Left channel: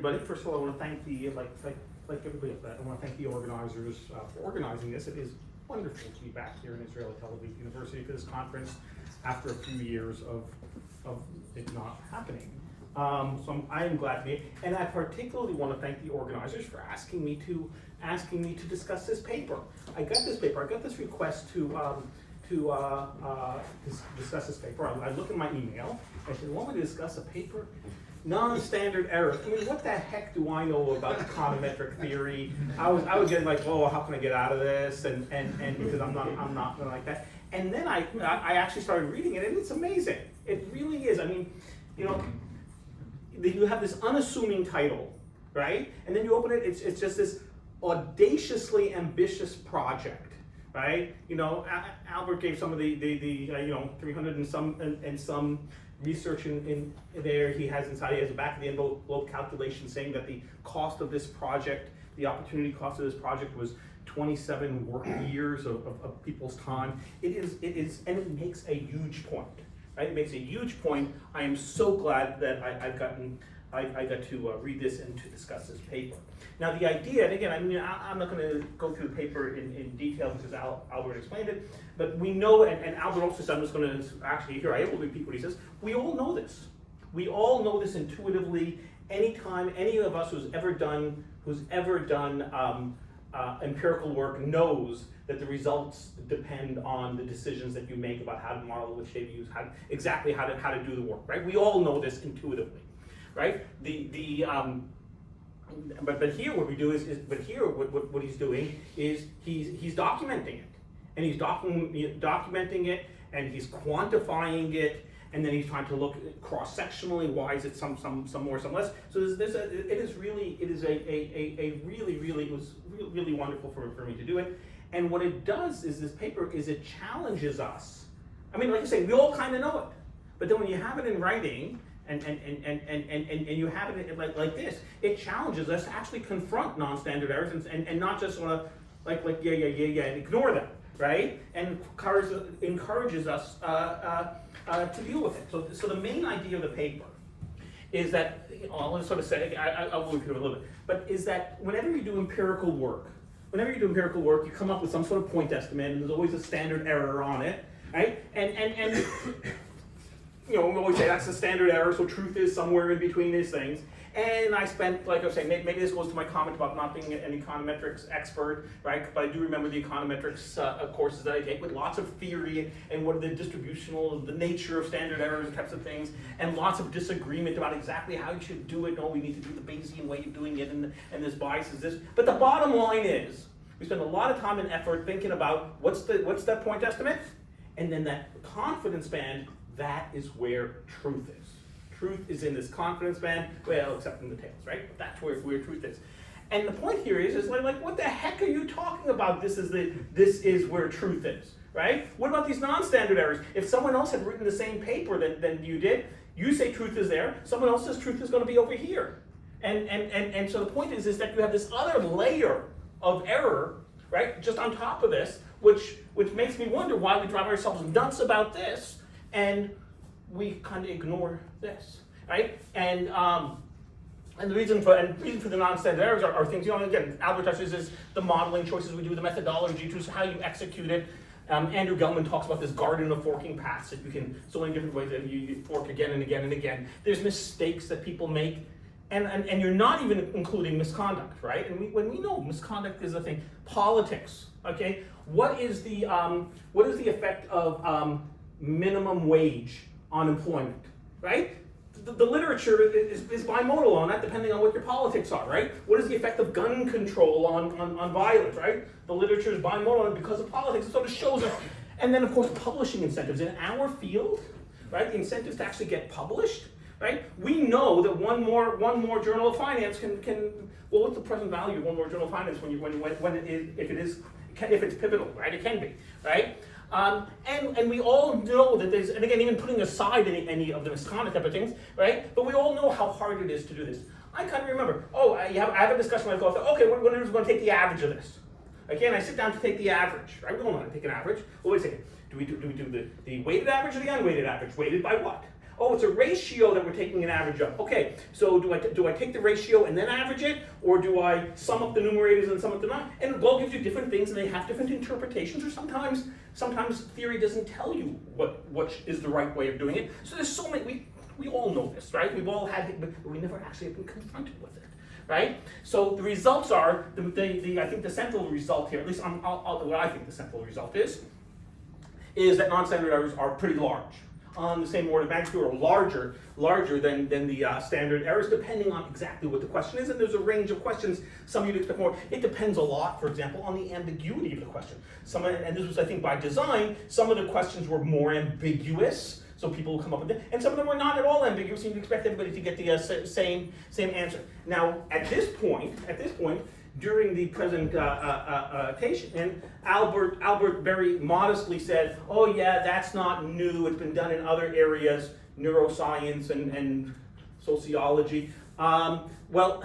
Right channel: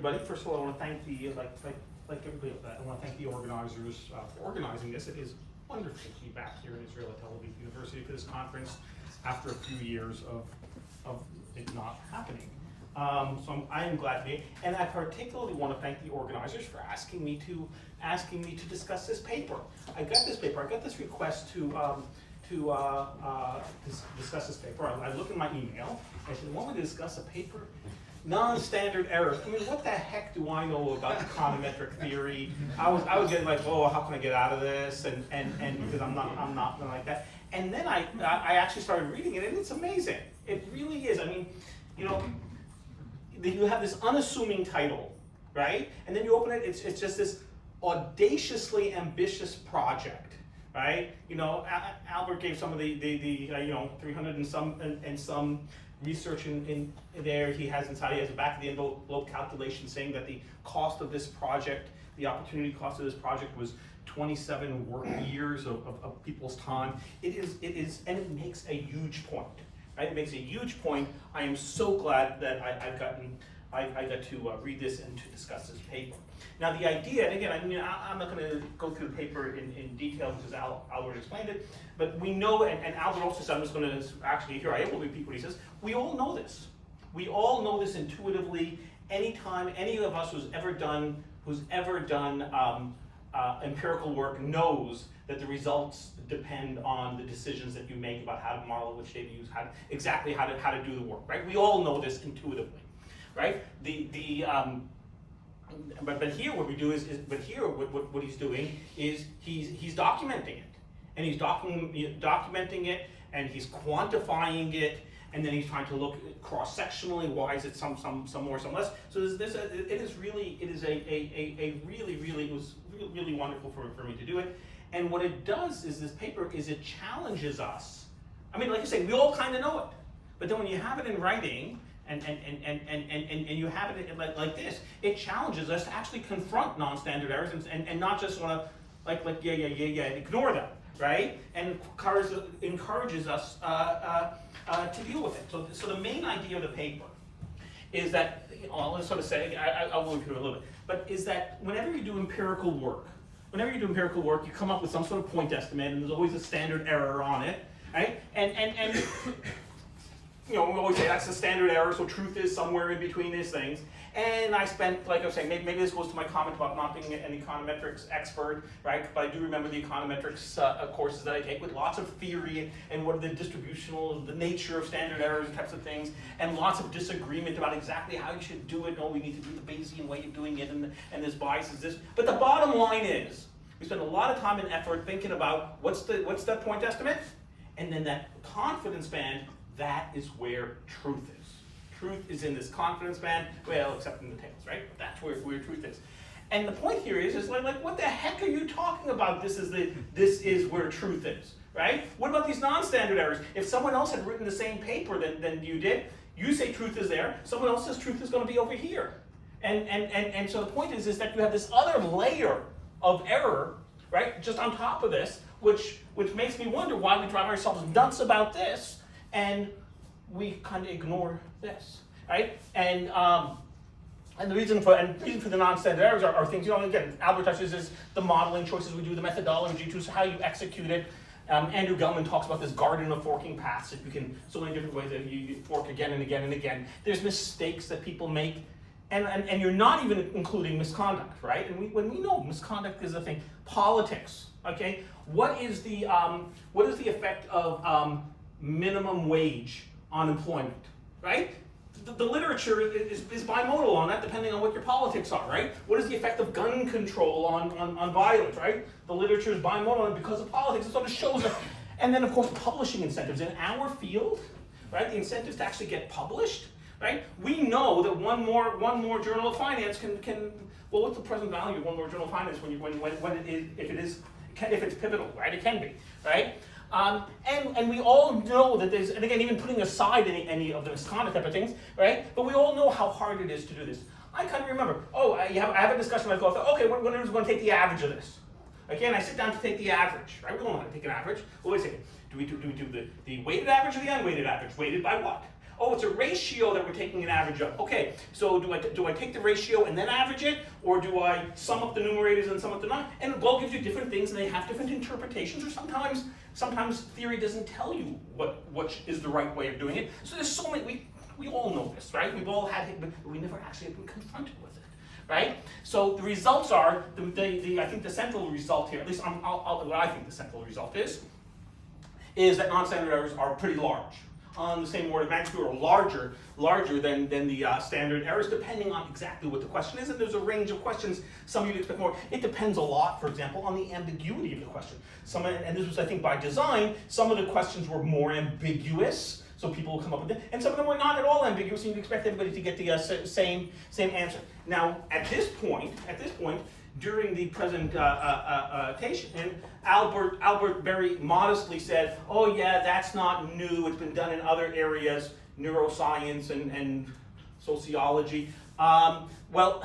everybody. First of all, I want to thank like everybody else, I want to thank the organizers for organizing this. It is wonderful to be back here in Israel at Tel Aviv University for this conference after a few years of it not happening. So I am glad to be, and I particularly want to thank the organizers for asking me to discuss this paper. I got this request to discuss this paper. I look in my email. I said, "Want me to discuss a paper? Non-standard errors." I mean, what the heck do I know about econometric theory? I was getting like, "Oh, how can I get out of this?" And because I'm not gonna like that. And then I actually started reading it, and it's amazing. It really is. I mean, you know, you have this unassuming title, right? And then you open it. It's just this audaciously ambitious project, right? You know, Albert gave some of the 300 and some research in there he has inside. He has a back of the envelope calculation saying that the cost of this project, the opportunity cost of this project, was 27 work years of people's time. It is, and it makes a huge point, right? It makes a huge point. I am so glad that I got to read this and to discuss this paper. Now the idea, and again, I mean, I'm not going to go through the paper in detail because Albert explained it, but we know, and Albert also said, I'm just going to actually, here I will repeat what he says, we all know this. We all know this intuitively. Anytime any of us who's ever done empirical work knows that the results depend on the decisions that you make about how to model, which data to use, exactly how to do the work, right? We all know this intuitively, right? But here what we do what he's doing is he's documenting it, and he's documenting it, and he's quantifying it, and then he's trying to look cross-sectionally. Why is it some more, some less? So it was really wonderful for me to do it. And what it does is this paper is it challenges us. I mean, like I say, we all kind of know it, but then when you have it in writing and you have it like this, it challenges us to actually confront non-standard errors and not just want to like yeah and ignore them, right? And encourages us to deal with it. So the main idea of the paper is that, I'll sort of say, I'll go through it a little bit, but is that whenever you do empirical work, you come up with some sort of point estimate, and there's always a standard error on it, right? And you know, we always say that's the standard error, so truth is somewhere in between these things. And I spent, like I was saying, maybe this goes to my comment about not being an econometrics expert, right? But I do remember the econometrics courses that I take with lots of theory and what are the distributional, the nature of standard errors and types of things, and lots of disagreement about exactly how you should do it. No, we need to do the Bayesian way of doing it, and this bias is this. But the bottom line is, we spend a lot of time and effort thinking about what's that point estimate, and then that confidence band. That is where truth is. Truth is in this confidence band, well, except in the tails, right? But that's where truth is. And the point here is like, what the heck are you talking about? This is where truth is, right? What about these non-standard errors? If someone else had written the same paper than you did, you say truth is there, someone else says truth is going to be over here. And so the point is that you have this other layer of error, right, just on top of this, which makes me wonder why we drive ourselves nuts about this, and we kind of ignore this, right? And the reason for the non-standard errors are things, you know, again, Albert touches is the modeling choices we do, the methodology choices, how you execute it. Andrew Gellman talks about this garden of forking paths that you can, so many different ways that you fork again and again and again. There's mistakes that people make, and you're not even including misconduct, right? And when we know misconduct is a thing, politics, okay? What is the effect of minimum wage on employment, right? The literature is bimodal on that, depending on what your politics are, right? What is the effect of gun control on violence, right? The literature is bimodal on it because of politics. It sort of shows us. And then, of course, publishing incentives. In our field, right, the incentives to actually get published, right? We know that one more journal of finance can well, what's the present value of one more journal of finance if it's pivotal, right? It can be, right? And we all know that there's, and again, even putting aside any of the misconduct type of things, right? But we all know how hard it is to do this. I kind of remember, I have a discussion with my co-author, okay, we're going to take the average of this. Okay, and I sit down to take the average, right? We don't want to take an average. Well, wait a second. Do we do the weighted average or the unweighted average? Weighted by what? oh, it's a ratio that we're taking an average of. Okay, so do I take the ratio and then average it, or do I sum up the numerators and sum up the non? And Gold gives you different things, and they have different interpretations, or sometimes theory doesn't tell you what is the right way of doing it. So there's so many, we all know this, right? We've all had it, but we never actually have been confronted with it, right? So the results are, I think the central result here, at least what I think the central result is that non-standard errors are pretty large, on the same order of magnitude or larger than the standard errors, depending on exactly what the question is. And there's a range of questions. Some you'd expect more. It depends a lot, for example, on the ambiguity of the question. And this was, I think, by design. Some of the questions were more ambiguous, so people will come up with it, and some of them were not at all ambiguous, and you'd expect everybody to get the same answer. Now, at this point, during the presentation, and Albert very modestly said, "Oh yeah, that's not new. It's been done in other areas, neuroscience and sociology." Well,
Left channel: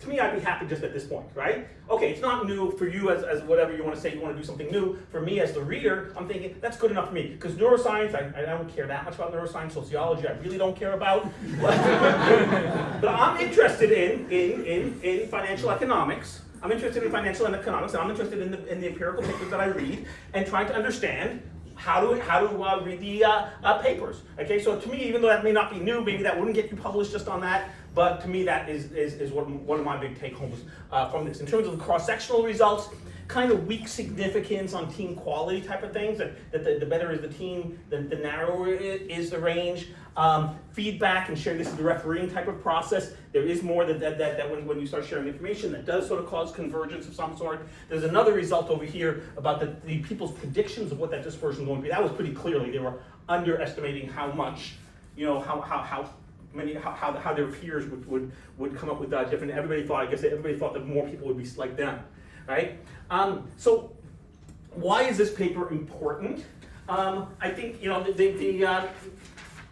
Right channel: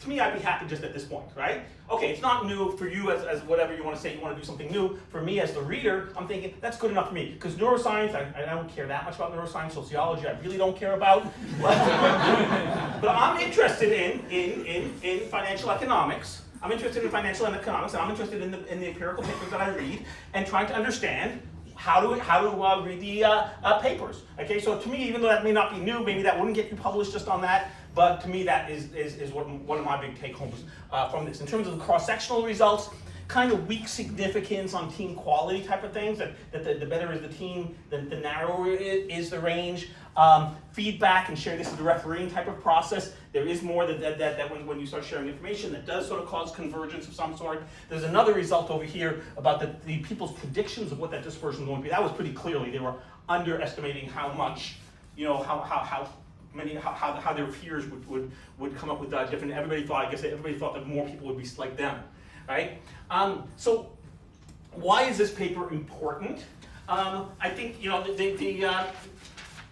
to me, I'd be happy just at this point, right? Okay, it's not new for you as whatever you want to say. You want to do something new. For me as the reader, I'm thinking that's good enough for me, because neuroscience, I don't care that much about neuroscience. Sociology, I really don't care about. But I'm interested in financial economics. I'm interested in financial economics, and I'm interested in the empirical papers that I read, and trying to understand how to read the papers. Okay, so to me, even though that may not be new, maybe that wouldn't get you published just on that, but to me that is one of my big take-homes from this. In terms of the cross-sectional results, kind of weak significance on team quality type of things, that the better is the team, the narrower is the range. Feedback and sharing, this is the refereeing type of process. There is more that when you start sharing information, that does sort of cause convergence of some sort. There's another result over here about the people's predictions of what that dispersion is going to be. That was pretty clearly, they were underestimating how much, how their peers would come up with different. Everybody thought that more people would be like them, right? So why is this paper important? I think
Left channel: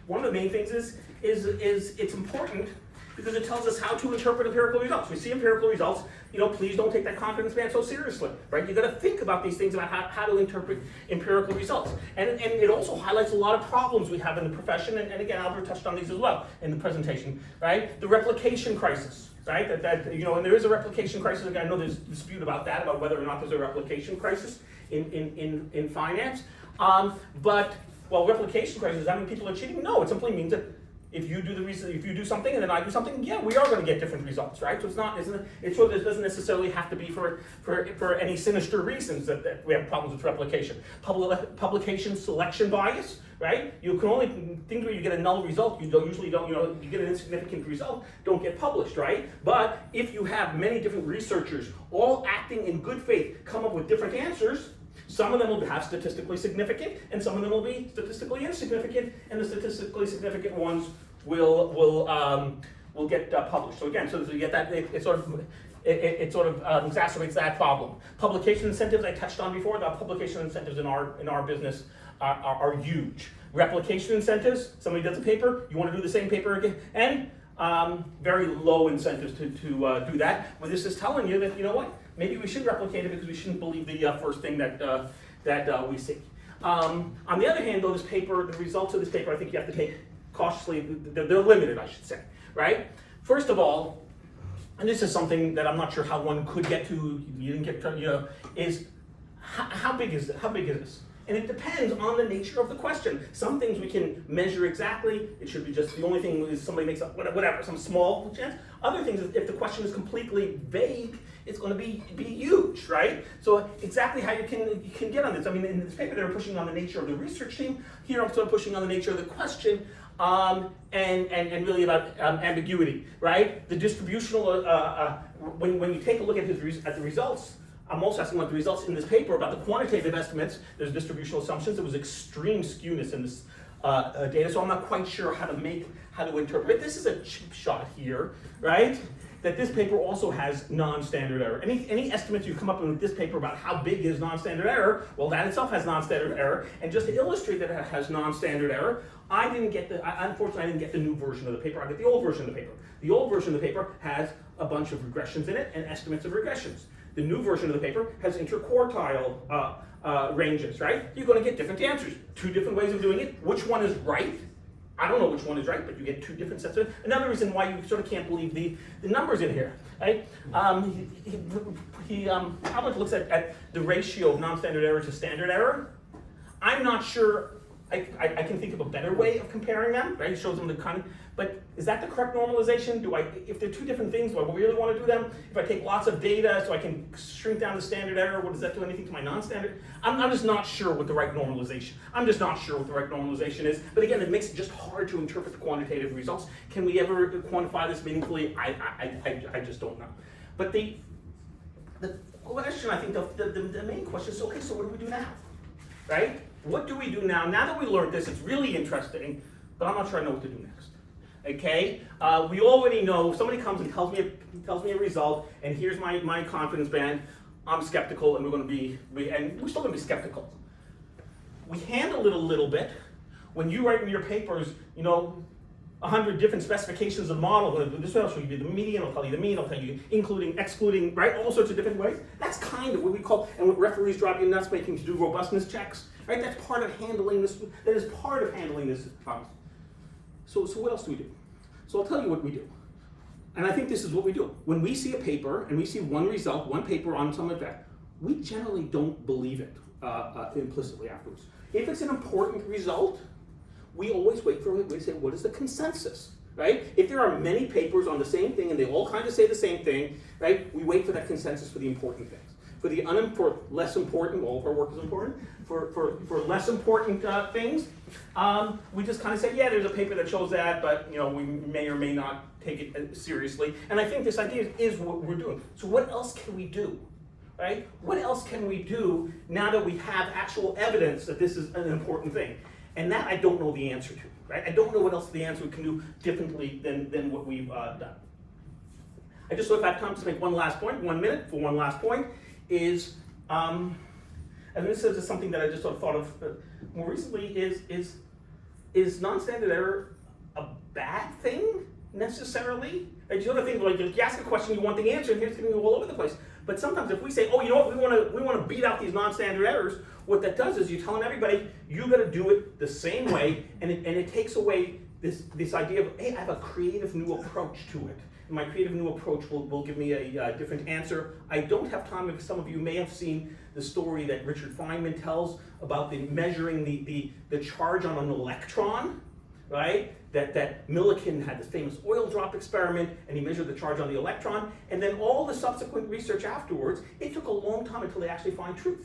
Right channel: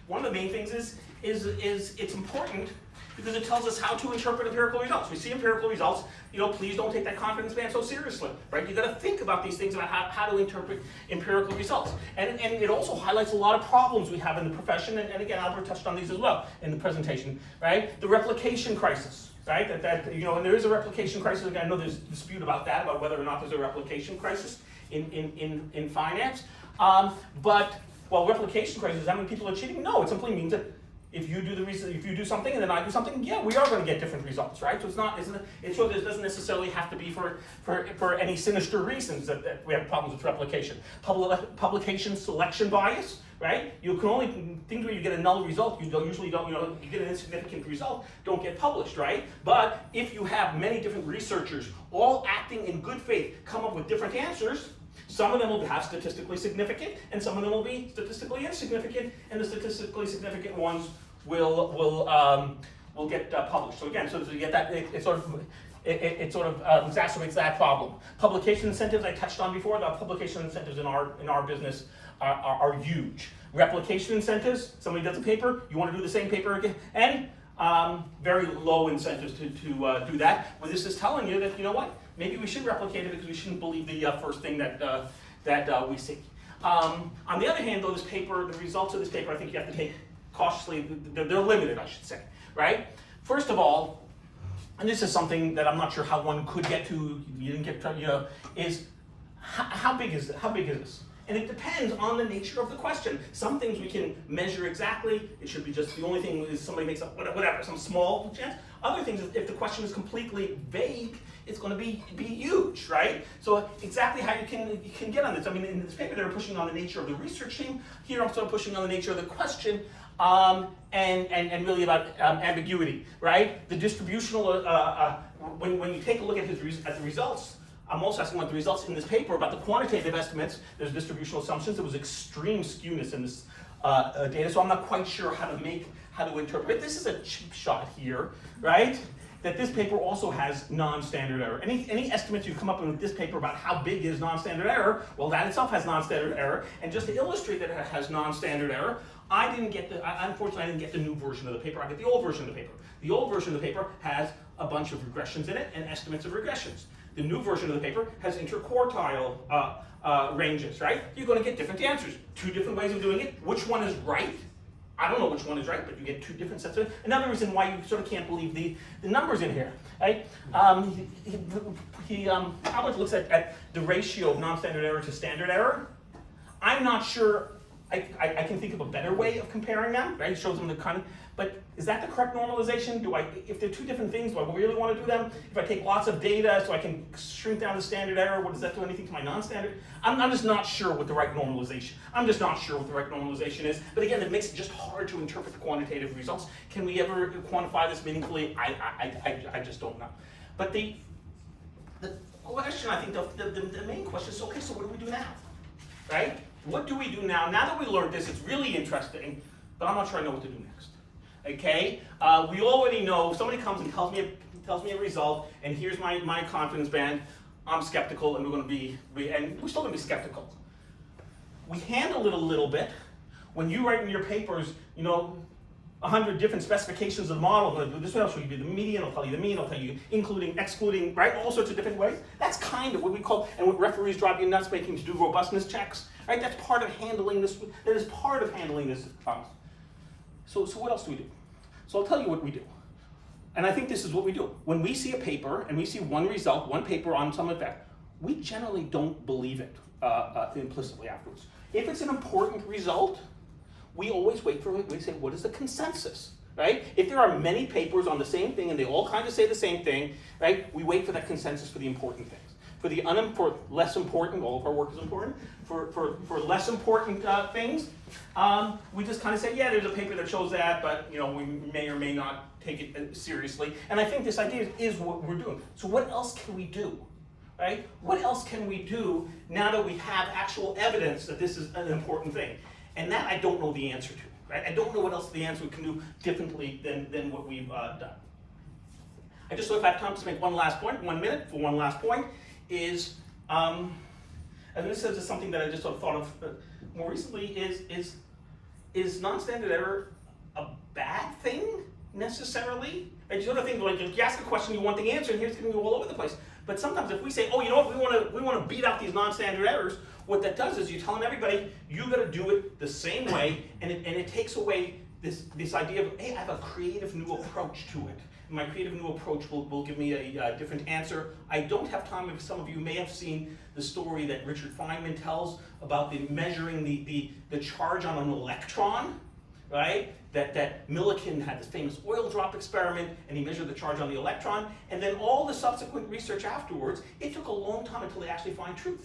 one of the main things is it's important because it tells us how to interpret empirical results. We see empirical results, please don't take that confidence band so seriously, right? You gotta think about these things, about how to interpret empirical results. And it also highlights a lot of problems we have in the profession, and again, Albert touched on these as well in the presentation, right? The replication crisis, right? And there is a replication crisis. Again, I know there's dispute about that, about whether or not there's a replication crisis in finance. Well, replication crisis, how many people are cheating? No, it simply means that if you do something and then I do something, yeah, we are going to get different results, right? So it doesn't necessarily have to be for any sinister reasons that we have problems with replication. Publication selection bias, right? You can only think where you get a null result. You get an insignificant result, don't get published, right? But if you have many different researchers all acting in good faith, come up with different answers, some of them will have statistically significant, and some of them will be statistically insignificant, and the statistically significant ones will get published. So again, so you get that, it sort of exacerbates that problem. Publication incentives I touched on before. The publication incentives in our business are huge. Replication incentives. Somebody does a paper, you want to do the same paper again, and very low incentives to do that. Well, this is telling you that maybe we should replicate it because we shouldn't believe the first thing that we see. On the other hand, though, the results of this paper, I think you have to take cautiously. They're limited, I should say, right? First of all, and this is something that I'm not sure how one could get to. You didn't get to, is how big is it? How big is this? And it depends on the nature of the question. Some things we can measure exactly. It should be just the only thing is somebody makes up whatever, some small chance. Other things, if the question is completely vague, it's going to be huge, right? So exactly how you can get on this. I mean, in this paper, they were pushing on the nature of the research team. Here, I'm sort of pushing on the nature of the question, and really about ambiguity, right? The distributional. When you take a look at the results. I'm also asking about the results in this paper about the quantitative estimates. There's distributional assumptions. There was extreme skewness in this data, so I'm not quite sure how to interpret it. This is a cheap shot here, right? That this paper also has non-standard error. Any estimates you come up with this paper about how big is non-standard error, well, that itself has non-standard error. And just to illustrate that it has non-standard error, unfortunately, I didn't get the new version of the paper. I get the old version of the paper. The old version of the paper has a bunch of regressions in it and estimates of regressions. The new version of the paper has interquartile ranges, right? You're going to get different answers. Two different ways of doing it. Which one is right? I don't know which one is right, but you get two different sets of it. Another reason why you sort of can't believe the numbers in here, right? Albert looks at the ratio of non-standard error to standard error. I'm not sure, I can think of a better way of comparing them, right? It shows them the kind of, but is that the correct normalization? If they're two different things, do I really want to do them? If I take lots of data so I can shrink down the standard error, what does that do anything to my non-standard? I'm just not sure what the right normalization. I'm just not sure what the right normalization is. But again, it makes it just hard to interpret the quantitative results. Can we ever quantify this meaningfully? I just don't know. But the question, I think, the main question is, okay, so what do we do now, right? What do we do now? Now that we learned this, it's really interesting, but I'm not sure I know what to do next. Okay, we already know if somebody comes and tells me a result, and here's my confidence band. I'm skeptical, and we're still going to be skeptical. We handle it a little bit. When you write in your papers, 100 different specifications of the model. This will show you the median, I'll tell you the mean, I'll tell you including, excluding, right? All sorts of different ways. That's kind of what we call, and what referees drive you nuts making to do robustness checks, right? That's part of handling this. That is part of handling this problem. So what else do we do? So I'll tell you what we do. And I think this is what we do. When we see a paper and we see one result, one paper on some effect, we generally don't believe it implicitly afterwards. If it's an important result, we always wait for it. We say, what is the consensus, right? If there are many papers on the same thing and they all kind of say the same thing, right? We wait for that consensus for the important things. For the unimportant, less important, all of our work is important. For less important things, we just kind of say, yeah, there's a paper that shows that, but we may or may not take it seriously. And I think this idea is what we're doing. So what else can we do, right? What else can we do now that we have actual evidence that this is an important thing? And that I don't know the answer to, right? I don't know what else the answer we can do differently than what we've done. I just thought if I have time to make one last point, 1 minute for one last point, is, and this is something that I just sort of thought of more recently, is non-standard error a bad thing necessarily? And you think, like, you ask a question, you want the answer, and here's going to be all over the place. But sometimes if we say, oh, you know what, we want to beat out these non-standard errors, what that does is you're telling everybody, you got to do it the same way, and it takes away this idea of, hey, I have a creative new approach to it. And my creative new approach will give me a different answer. I don't have time, if some of you may have seen the story that Richard Feynman tells about measuring the charge on an electron, right? That Millikan had this famous oil drop experiment, and he measured the charge on the electron, and then all the subsequent research afterwards, it took a long time until they actually find truth.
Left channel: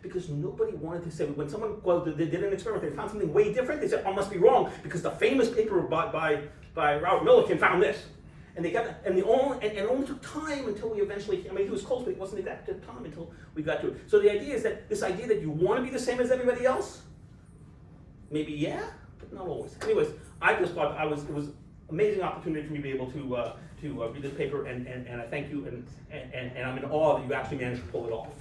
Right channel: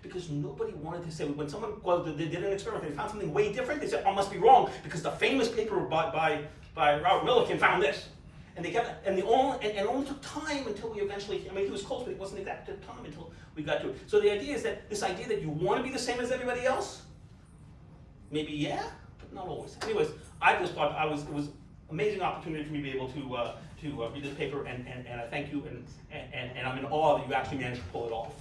Because nobody wanted to say, when someone they did an experiment, they found something way different, they said, oh, must be wrong, because the famous paper by Robert Millikan found this. And they kept, and it only took time until we eventually, he was close, but it wasn't exact time until we got to it. So the idea is that this idea that you want to be the same as everybody else, maybe yeah, but not always. Anyways, I just thought it was an amazing opportunity for me to be able to read this paper, and I thank you, and I'm in awe that you actually managed to pull it off.